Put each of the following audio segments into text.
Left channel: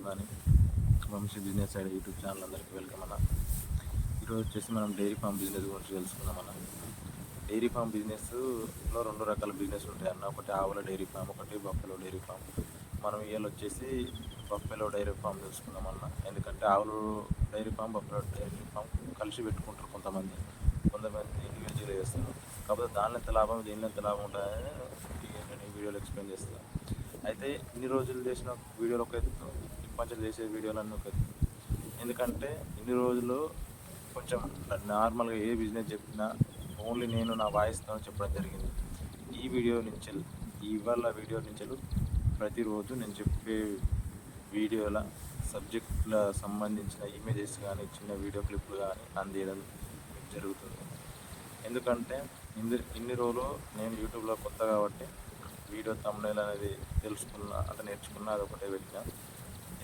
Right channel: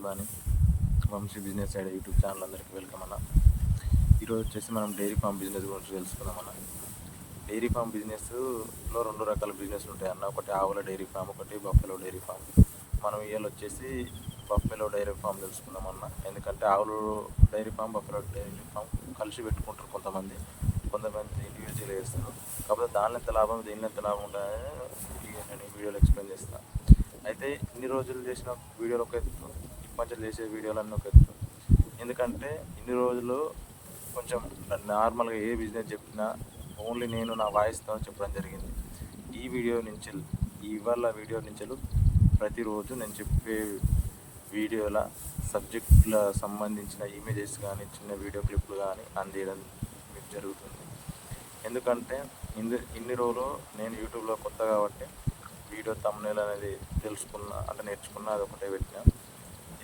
Good morning. Vamshi business side YouTube channel అందరికీ welcome అన్న. ఈరోజు వచ్చేసి మనం డైరీ ఫామ్ బిజినెస్ గురించి తెలుసుకుందాం అన్న. డైరీ ఫామ్ బిజినెస్లో రెండు రకాల బిజినెస్ ఉంటాయి అన్న. ఒకటి ఆవుల డైరీ ఫామ్, ఒకటి బఫెలో డైరీ ఫామ్. మనం ఇవాళ వచ్చేసి బఫెలో డైరీ ఫామ్ తెలుసుకుందాం అన్న. ఎందుకంటే ఆవులు dairy farm, buffalo dairy farm కలిసి పెట్టుకుంటారు కొంతమంది ఇండివిజువల్గా చేస్తారు. కాకపోతే దానిలో ఎంత లాభం, దీనిలో ఎంత లాభం ఉంటుందని నేను ఈ వీడియోలో ఎక్స్ప్లెయిన్ చేస్తాను. అయితే ఇన్ని రోజులు చేసిన వీడియోలు ఒక ఎత్తు, ఇప్పటి చేసే వీడియోలన్నీ ఒక ఎత్తు. ఎందుకంటే ఇన్ని రోజులు కొంచెం నార్మల్గా ఏ బిజినెస్ చెప్పినా ఓన్లీ నేను నా వాయిస్తో చెప్పడం జరిగింది. ఈ వీడియో నుంచి ఇవాళ వీడియో నుంచి ప్రతిరోజు నేను చెప్పే వీడియోల సబ్జెక్టుల సంబంధించిన ఇమేజెస్ కానీ చిన్న వీడియో క్లిప్లు కానీ అందించడం మీకు జరుగుతుంది. ఎందుకంటే ఇన్ని రోజులు నేను యూట్యూబ్లో కొత్త కాబట్టి వీడియో థంబ్నెయిల్ అనేది నేర్చుకున్నా, అది ఒకటే పెట్టినా.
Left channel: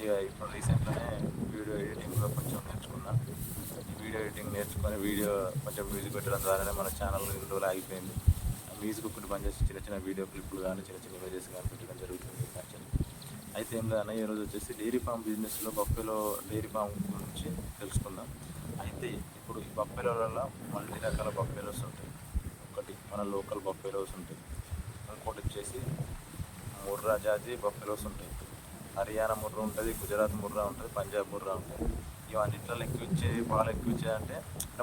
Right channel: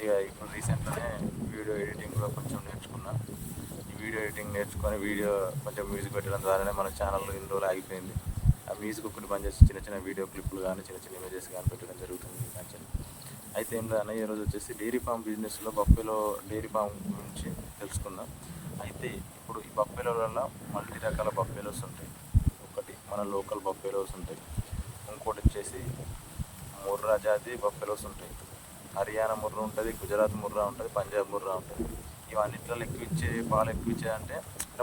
ఇక ఇప్పుడు రీసెంట్గానే వీడియో ఎడిటింగ్ కూడా కొంచెం నేర్చుకున్నా. ఈ వీడియో ఎడిటింగ్ నేర్చుకొని వీడియో కొంచెం మ్యూజిక్ పెట్టడం ద్వారానే మన ఛానల్ ఇన్ని రోజులు ఆగిపోయింది. ఆ మ్యూజిక్ ఒకటి బంద్ చేసి చిన్న చిన్న వీడియో క్లిప్లు కానీ చిన్న చిన్న ఇమేజెస్ కానీ పెట్టడం జరుగుతుంది ఈ ఛానల్. అయితే ఏం లేదన్న, ఈరోజు వచ్చేసి డైరీ ఫామ్ బిజినెస్లో బఫెలో డైరీ ఫామ్ గురించి తెలుసుకుందాం. అయితే ఇప్పుడు ఈ బఫెలోలలో మల్టీ రకాల బఫెలోస్ ఉంటాయి. ఒకటి మన లోకల్ బఫెలోస్ ఉంటాయి, ఇంకోటి వచ్చేసి ముర్రా జాతి బఫెలోస్ ఉంటాయి. హర్యానా ముర్రా ఉంటుంది, గుజరాత్ ముర్రా ఉంటుంది, పంజాబ్ ముర్రా ఉంటుంది. ఇవన్నిట్లో పాలు ఎక్కువ ఇచ్చేదంటే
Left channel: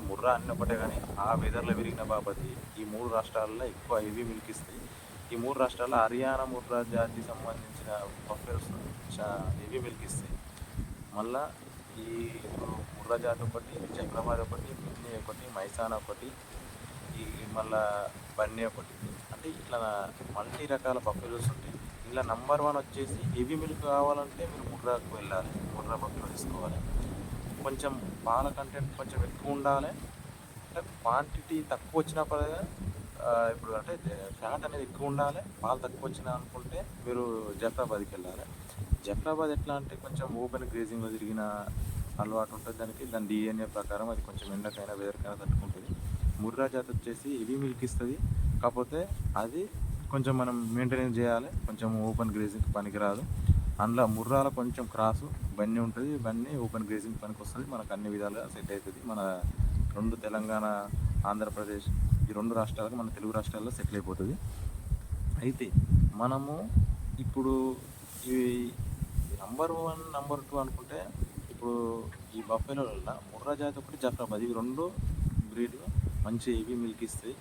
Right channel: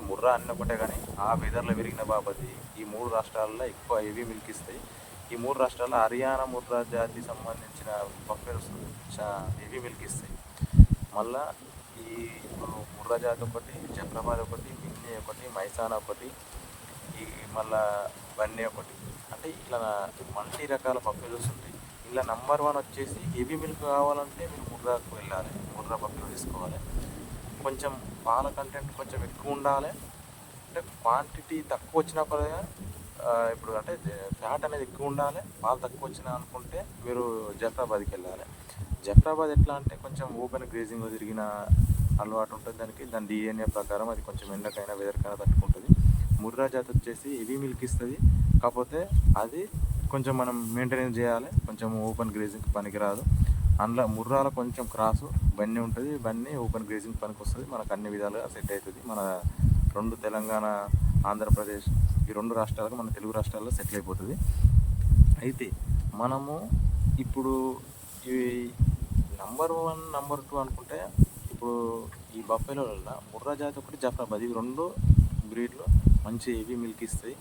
ముర్రా అన్నీ ఒకటే, కానీ ఆ వెదర్లో పెరిగిన బాబది ఈ మూడు రాష్ట్రాల్లో ఎక్కువ హెవీ మిల్క్ ఇస్తాయి. ఈ మూడు రాష్ట్రాల్లో హర్యానా ముర్రా జాతి సంబంధించిన బఫెలోస్ హెవీ మిల్క్ ఇస్తాయి. మళ్ళీ ఇప్పుడు ముర్రా జాతి ఒకటి, జఫ్రాబాద్ ఒకటి, మిన్నీ ఒకటి, మైసానా ఒకటి, ఈ మళ్ళా బన్నీ ఒకటి. అంటే ఇట్లా మల్టీ రకాల బఫెలోస్ ఉంటాయి. ఇలా నంబర్ 1 వచ్చేసి హెవీ మిల్క్ కావాలంటే మీరు ముర్రాకు వెళ్ళాలి, ముర్రా బఫెలో తీసుకోవాలి. కొంచెం పాల కంటెంట్ కొంచెం ఎక్కువ ఉండాలి, అంటే క్వాంటిటీ తక్కువ వచ్చినా పర్వాలేదు. ఇప్పుడు అంటే ఫ్యాట్ అనేది ఎక్కువ ఉండాలి, పాలు తక్కువ వచ్చినా అనుకుంటే మీరు జఫ్రాబాద్కి వెళ్ళాలి. జఫ్రాబాద్ ఎట్లా అంటే కొంచెం ఓపెన్ గ్రేజింగ్లో తిరిగిన అలవాటు ఉంటుంది దాని డిఎన్ఏ ప్రకారం అది కొంచెం ఎండకైనా వెదర్కైనా తట్టుకుంటుంది. ముర్రా జాతి వచ్చేసి హెవీ మిల్క్ ఇస్తుంది, కాకపోతే అది కొంచెం మనం మెయింటెనెన్స్ చేయాలి, కొంచెం ఓపెన్ గ్రేజింగ్ పనికిరాదు. అందులో ముర్రాలో కొంచెం క్రాసు బన్నీ ఉంటుంది, బన్నీ ఓపెన్ గ్రేజింగ్ పనికి వస్తుంది, మనకు అన్ని విధాలుగా సెట్ అవుతుంది. మన రెండు తెలంగాణ, ఆంధ్రప్రదేశ్ ఈ రెండు రాష్ట్రాలకు మన తెలుగు రాష్ట్రాల్లో సెటిల్ అయిపోతుంది. అయితే మనము ఇప్పుడు ఇవి నంబర్ 1, నంబర్ 2 అనుకుంటే ఇప్పుడు ఈ బఫెలోలలో ముర్రా జాతి ఒకటి, జఫ్రాబాద్, ఇవి రెండు బ్రీడ్లు మంచి హెవీ మిల్క్ ఇస్తాయి.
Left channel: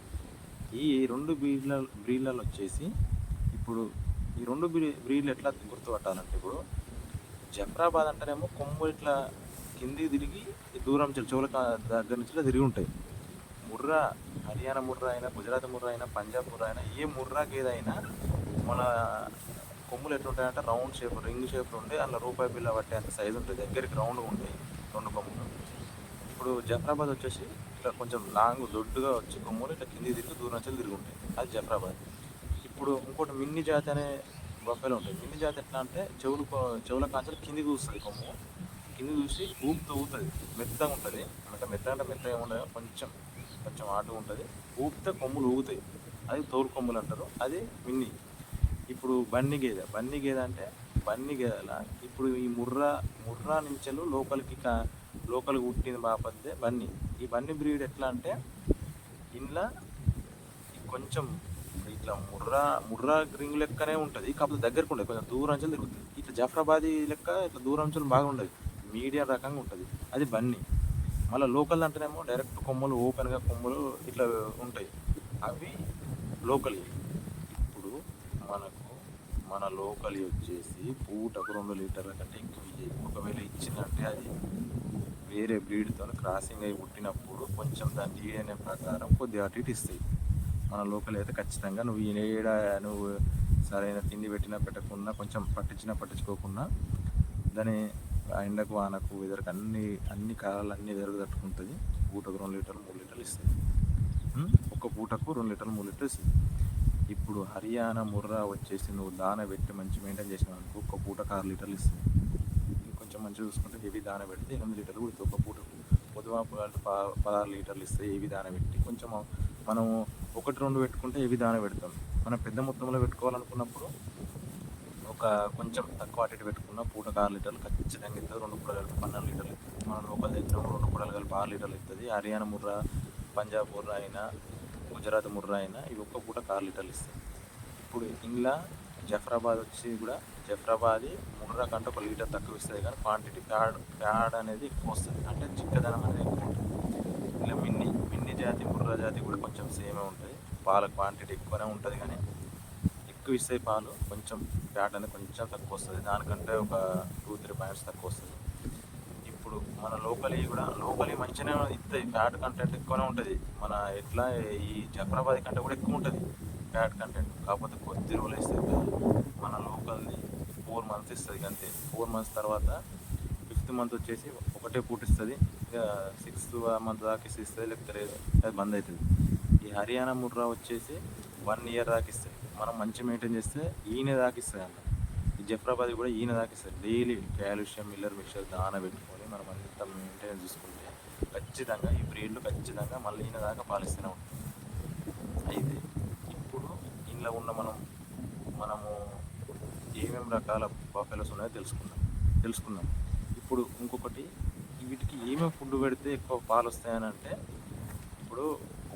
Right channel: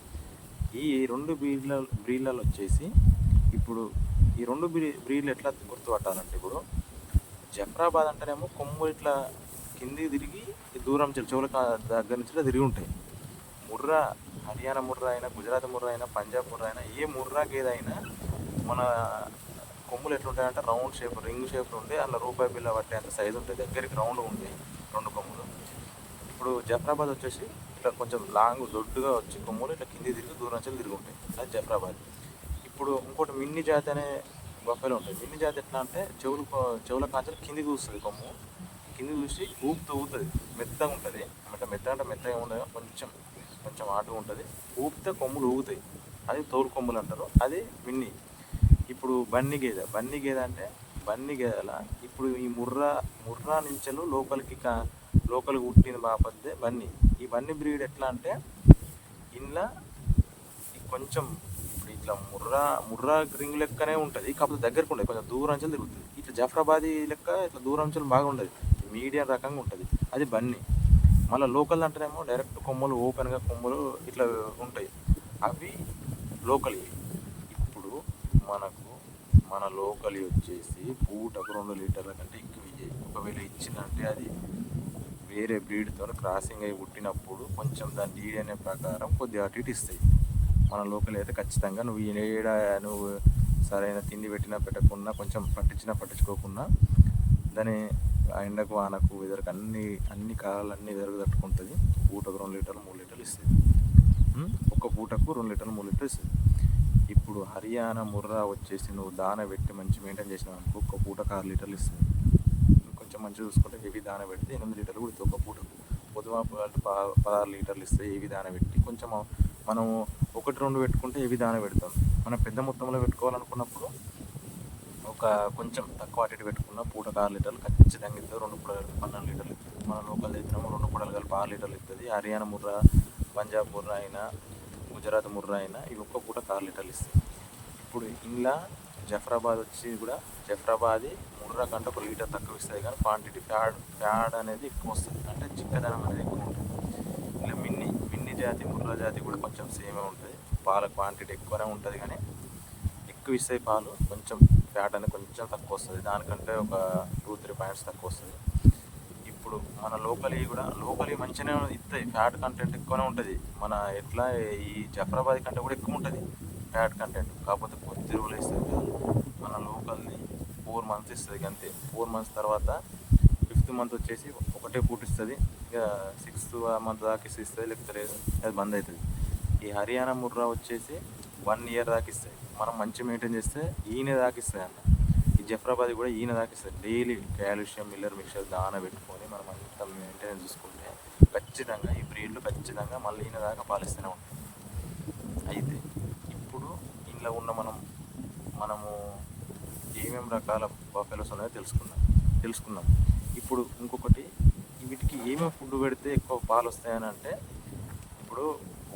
ఈ రెండు బ్రీడ్లలో వచ్చేసి ఇప్పుడు ఈ రెండు బ్రీడ్లు ఎట్లా గుర్తుపట్టాలంటే, ఇప్పుడు జఫ్రాబాద్ అంటేనేమో కొమ్ము ఇట్లా కిందికి తిరిగి దూరం చెవుల దగ్గర నుంచి ఇట్లా తిరిగి ఉంటాయి. ముర్రా హర్యానా ముర్రా అయినా, గుజరాత్ ముర్రా అయినా, పంజాబ్ ముర్రా అయినా, ఏ ముర్రా గేదైనా మన కొమ్ములు ఎట్లుంటాయంటే రౌండ్ షేప్, రింగ్ షేప్లో ఉండే అందులో రూపాయి బిల్ల పట్టే అంత సైజు ఉంటుంది, దగ్గరికి రౌండ్గా ఉంటాయి రెండు కొమ్ములు. ఇప్పుడు జఫ్రాబాద్ వచ్చేసి ఇట్లా కొంచెం లాంగ్ దొడ్డుగా వచ్చి కొమ్ములు ఇట్లా కింది తిరిగి దూరం నుంచి తిరిగి ఉంటాయి, అది జఫ్రాబాద్. ఇప్పుడు ఇంకోటి మిన్నీ జాతి అనే బఫెలో ఉంటుంది. మిన్నీ జాతి ఎట్లా అంటే చెవుల కాంచెలు కిందికి చూస్తుంది, కొమ్ము కింది చూసి ఊపుతుంది, మెత్తగా ఉంటుంది. మెత్తగా అంటే మెత్తగా ఉండదు, కొంచెం ఆటుగా ఉంటుంది, ఊపితే కొమ్ములు ఊగుతాయి, అది తోలు కొమ్ములు అంటారు, అది మిన్నీ. ఇప్పుడు బన్నీ గేదె అంటే బన్నీ గేదెల ఇప్పుడు ఈ ముర్రా నుంచెలు లోకలికి పుట్టిన బాపద్దే బన్నీ. ఈ బన్నీ బ్రీడ్ ఎట్లా అంటే ఇంట్లో కొంచెం ఇప్పుడు ఇట్లా ముర్రా రింగ్ లెక్కనే ఉంటుంది, కాకపోతే దగ్గరకు ఉండదు, కొంచెం దూరం నుంచి తిరుగుతుంది. ఇట్లా జఫ్రాబాదీ లెక్క ఇట్లా దూరం నుంచి బాగా ఉండదు, మీడియం రకంగా ఉంటుంది, అది బన్నీ. మళ్ళీ లోకల్ అంటేనేమో డైరెక్ట్ కొమ్ములు ఓపెన్గా కొమ్ములు ఇట్లా ఉంటాయి, అవి లోకల్. ఇప్పుడు మన లోకల్ వచ్చేసి పూటకు 2 లీటర్ల కంటే ఎక్కువ ఇయ్యాయి. ఒకవేళ ఇచ్చిందంటే అది వేరే బ్రీడ్తో క్రాసింగ్ అయి పుట్టినప్పుడు కొంచెం దాని డిఎన్ఏ ప్రకారం కొద్దిగా అటు ఇటు ఇస్తాయి. మన లోకల్ అయితే ఖచ్చితంగా నువ్వు సరైన తిండి పెట్టినా పెట్టకుండా, కొంచెం పట్టించుకోకుండా దాని ఎండకు వానకు వెదర్కి అన్ని కాలాలు అన్ని వెదర్కు తట్టుకుంటుంది. పూటకు 2 లీటర్లు 3 లీటర్లు ఇస్తుంది, ఒక్క పూటకు 2 లీటర్లు 3 లీటర్లు ఇస్తుంది. ఇప్పుడు హర్యానా ముర్రా వచ్చేసి నువ్వు దాన పెట్టి మంచి మెయింటైన్ చేసినావు అనుకో, ఒక్క పూటకు 6 లీటర్లు ఇస్తుంది. ఇంకొంచెం మంచిగా చూసుకుంటే హెవీ దాన పెడితే 8 లీటర్లు కూడా ఇస్తుంది ఒక పూటకు. పొద్దుమాపు 16 లీటర్లు ఇస్తాయి హెవీ దాన పెట్టి. కొంచెం మనము 1-2 పెట్టుకుంటే హెవీ దాన పెడతాం. మనం పెద్ద మొత్తంలో పెట్టుకోవాలనుకున్నప్పుడు ఒక కొంచెం తక్కువ అటు ఇటు పెట్టుకున్న పూటకు 6 లీటర్లు ఖచ్చితంగా ఇస్తుంది. 2 పూటలు కలిపి 12 లీటర్లు ఇస్తుంది. మనం లోకల్ తెచ్చినాము 2 పూటలు కలిపి 6 లీటర్లు ఇస్తుంది. హర్యానా ముర్రా, పంజాబ్ ముర్రా అయినా, గుజరాత్ ముర్రా అయినా ఇవి ఒక్క పూటకు 6 లీటర్లు ఇస్తాయి. ఇప్పుడు ఇంట్లో జఫ్రాబాద్ వచ్చి కూడా జఫ్రాబాద్ ముర్రా కంటే 1 లీటర్ తక్కువ ఇస్తుంది, కానీ క్వాంటిటీ ప్యాడ్ అనేది ఎక్కువ వస్తుంది, అంటే చిక్కదనం అనేది ఎక్కువ ఉంటుంది. ఇలా మిన్ని జాతి ముర్రా జాతి కూడా కొంచెం సేమే ఉంటుంది. పాల క్వాంటిటీ ఎక్కువనే ఉంటుంది, కానీ ఎక్కువ ఇస్తాయి పాలు. కొంచెం ఫ్యాట్ అనేది కొంచెం తక్కువ వస్తుంది, దానికంటే ఒక 2-3 పాయింట్స్ తక్కువ వస్తుంది. ఇప్పుడు మన లోకల్ మంచిగానే ఇస్తాయి, ఫ్యాట్ కంటెంట్ ఎక్కువనే ఉంటుంది. మన ఎట్లా ఈ జఫ్రాబాద్ కంటే కూడా ఎక్కువ ఉంటుంది ఫ్యాట్ కంటెంట్, కాకపోతే కొద్ది రోజులు ఇస్తుంది కదా. మన లోకల్ని 4 మంత్స్ ఇస్తుంది అంతే. 4 మంత్స్ తర్వాత 5th మంత్ వచ్చేసి ఒకటే పూట ఇస్తుంది. ఇక 6th మంత్ దాకా ఇస్తుంది, లేకపోతే లేదు, అది బంద్ అవుతుంది. ఈ హర్యానా ముర్రా వచ్చేసి 1 ఇయర్ దాకా ఇస్తాయి. మనం మంచి మెయింటైన్ చేస్తే ఈయన దాకా ఇస్తాయి అన్న. ఈ జఫ్రాబాద్ కూడా ఈయన దాకా ఇస్తుంది. డైలీ కాల్షియం మిల్లర్ మిక్చర్ దాన పెట్టుకొని మనం అంతా మెయింటెనెన్స్ చూసుకుంటే ఖచ్చితంగా ఈ బ్రీడ్లు ఖచ్చితంగా మళ్ళీ ఈయన దాకా పాలిస్తూనే ఉంటాయి. అయితే ఇప్పుడు ఇంట్లో ఉన్న మనము ఏమేమి రకాల బఫెలోస్ ఉన్నాయో తెలుసుకుందాం. ఇప్పుడు ఇంకొకటి, వీటికి ఏమేమి ఫుడ్ పెడితే ఎక్కువ పాలు వస్తాయని అంటే, ఇప్పుడు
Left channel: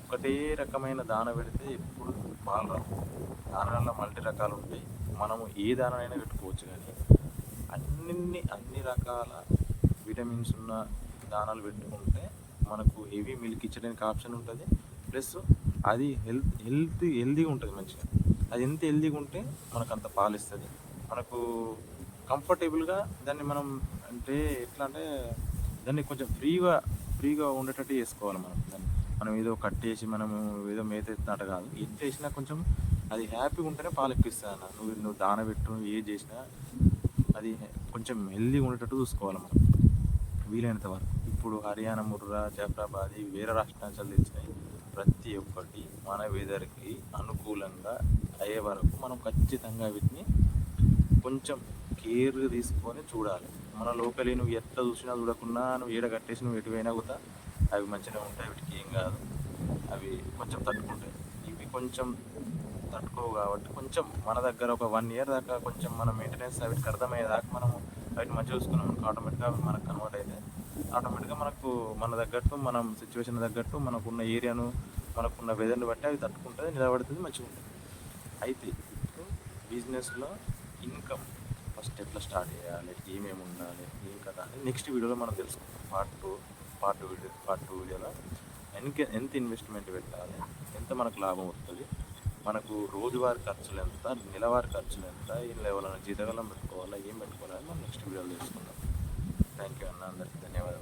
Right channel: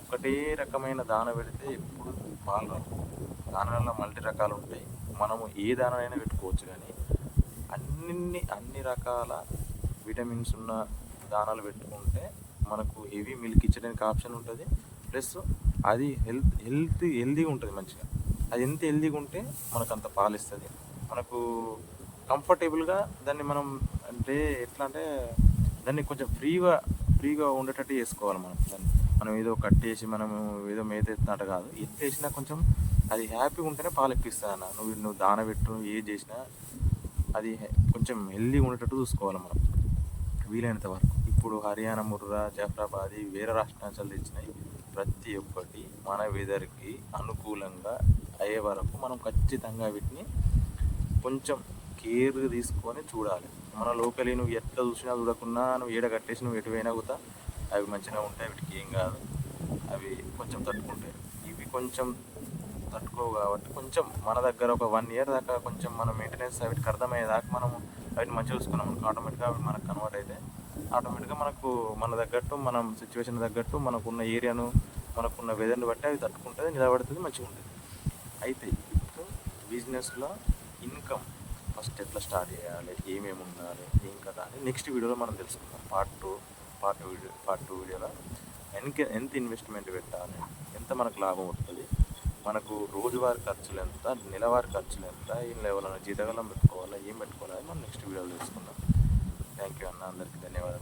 ఒకటే రకమైన దాన పెడితే ఎప్పుడు పాలు రావు. దానాల్లో మల్టీ రకాలు ఉంటాయి. మనము ఏ దానైనా పెట్టుకోవచ్చు, కానీ అన్ని రకాల విటమిన్స్ ఉన్న దానాలు పెట్టుకుంటే మనకు హెవీ మిల్క్ ఇచ్చడానికి ఆప్షన్ ఉంటుంది. ప్లస్ అది హెల్తీగా ఉంటుంది మంచిగా. అది ఎంత హెల్తీగా ఉంటే మనకు అంత పాలు ఇస్తుంది. మనకు కంఫర్టబుల్గా దాన్ని మనం అంటే ఎట్లా అంటే దాన్ని కొంచెం ఫ్రీగా ఉండేటట్టు చేసుకోవాలి. మనం ఏదో కట్టేసి మనము ఏదో మేత ఎత్తినట్టు కాదు. ఎత్తేసినా కొంచెం అది హ్యాపీగా ఉంటేనే పాలు ఎక్కువ ఇస్తుంది అన్న. నువ్వు దాన పెట్టు, ఏది చేసినా అది కొంచెం హెల్తీగా ఉండేటట్టు చూసుకోవాలి మనం వీలైనంత వరకు. ఇప్పుడు హర్యానా ముర్రా, జఫ్రాబాద్ వేరే రాష్ట్రాలు తెచ్చినాయి. ప్రతి ఒక్కటి మన వెదర్కి అనుకూలంగా అయ్యే వరకు మనం ఖచ్చితంగా వీటిని కొంచెం కేర్గా తీసుకొని చూడాలి. మన లోకల్ నువ్వు ఎట్లా చూసినా చూడకున్నా నువ్వు ఏడ కట్టేసి నువ్వు ఎటు పోయినా కూడా అవి మంచిగా ఉంటాయి, వీటికి ఏం కాదు. అవి కొంచెం తట్టుకుంటాయి. ఇవి కొంచెం తట్టుకోవు కాబట్టి కొంచెం మన దగ్గర ఒక 1 ఇయర్ దాకా కొంచెం మన మెయింటెనెన్స్ వీటికి అర్థమయ్యేదాకా మనము వాటిని మంచిగా చూసుకున్నాం మనకు ఆటోమేటిక్గా అవి మనకు కన్వర్ట్ అయితే ఆటోమేటిక్గా మనకు మన తగ్గట్టు మనం సిచ్యువేషన్ తగ్గట్టు మనకున్న ఏరియాను మనకున్న వెదర్ని బట్టి అవి తట్టుకుంటుంది, నిలబడుతుంది, మంచిగా ఉంటుంది. అయితే ఇప్పుడు బిజినెస్లో ఇన్కమ్ ఫస్ట్ ఎట్లా స్టార్ట్ చేయాలి, ఏమేమి ఉండాలి, ఏం కదా అని నెక్స్ట్ వీడియోలో మనం తెలుసుకుందాం. పార్ట్ 2 వీడియోలో ఎంత ఇన్వెస్ట్మెంట్ పెట్టాలి, ఎంత మనకు లాభం వస్తుంది, మనకు రోజువారీ ఖర్చులు ఎంత, నెలవారీ ఖర్చులు ఎంత, ఇంట్లో ఎవరైనా జీతకాలం పెట్టుకోవాలా, ఏం పెట్టుకోవాలి, మనం నెక్స్ట్ వీడియోలో తెలుసుకుందాం. థ్యాంక్ యూ అన్న, అందరికీ ధన్యవాదాలు.